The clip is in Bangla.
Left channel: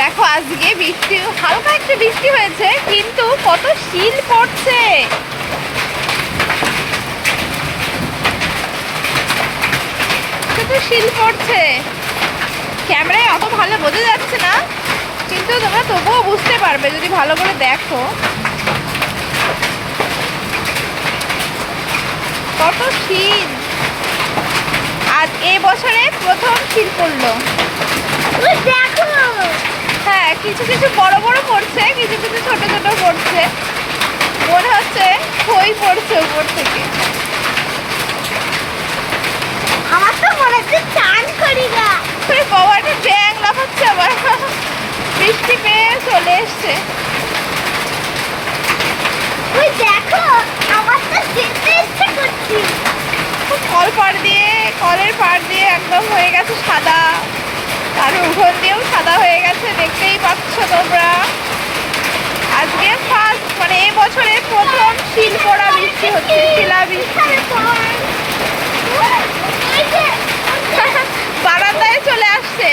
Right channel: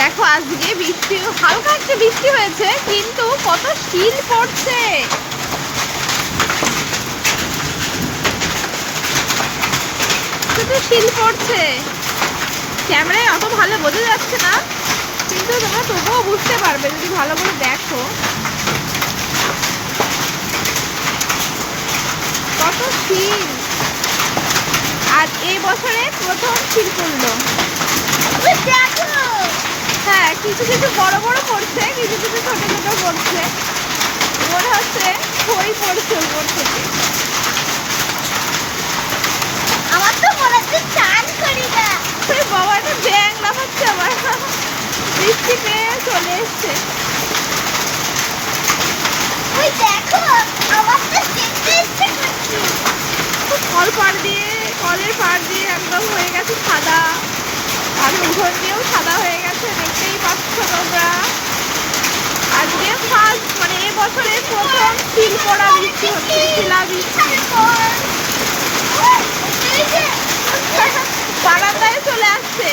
দেখো আজকে বৃষ্টি, হালকা একটা বৃষ্টি হয়েছে কিন্তু কত শিল পড়ছে। শুধু শিল পড়ছে। ক্যামেরায় অত ভালো বোঝা যাচ্ছে না, কিন্তু তোমরা তবুও বুঝতে পারবে যদি ভালো করে দেখো। কত শিল, আর এ বছরে প্রথম শিল পড়লো। হ্যাঁ, কিছু কিছু বড় বড় পড়ছে, কিছু কিছু ছোট ছোট পড়ছে। মনে হচ্ছে খই পড়ছে উপর থেকে। আমার তো মনে হচ্ছে চান করি না। বাবা, একটা ব্যাং লাফাচ্ছে আবার। বৃষ্টি পেয়ে চলে এসছে। তুই দেখো, আমার তো যেতে ইচ্ছে করছে। কলের পাড় দিয়ে একদম হয়ে গেছে সাদা, আর উঠোন দিয়েও সাদা হয়ে গেছে, দেখতেই পাচ্ছ তোমরা। আজকে ফার্স্ট, মানে এ বছরে প্রথম শিল পড়া বৃষ্টি হচ্ছে, শিলা বৃষ্টি। বারান্দায় চলে আসছে।